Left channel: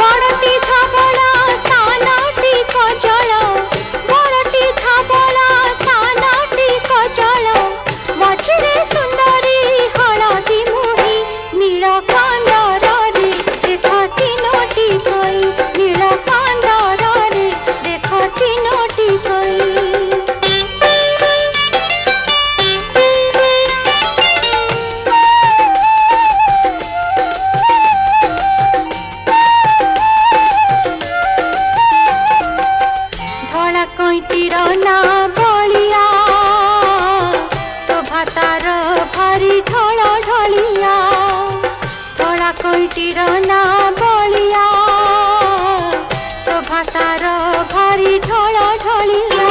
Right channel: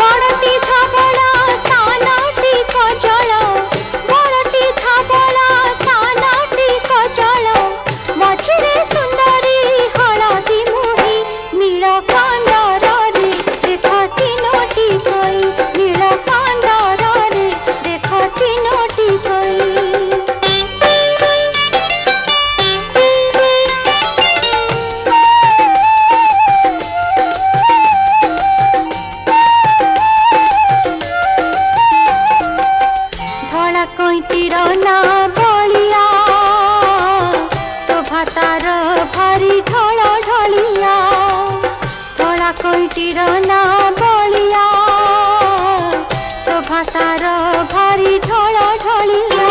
बड़टी धवला सानटी causal बड़टी धवला सानटी causal मझिरे सुंदरी हलदी मुही नील कांदरे देख तीनोटी कई नील कांदरे देख तीनोटी कई। धला कईटीर ना बलिया शोभा तार भारी ढल ढलिया धला कईटीर ना बलिया शोभा तार भारी ढल ढलिया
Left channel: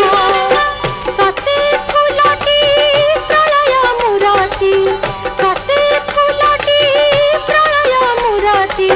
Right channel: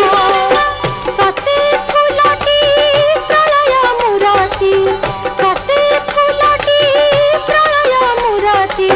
सती फुलटी प्रलय मूरति सती फुलटी प्रलय मूरति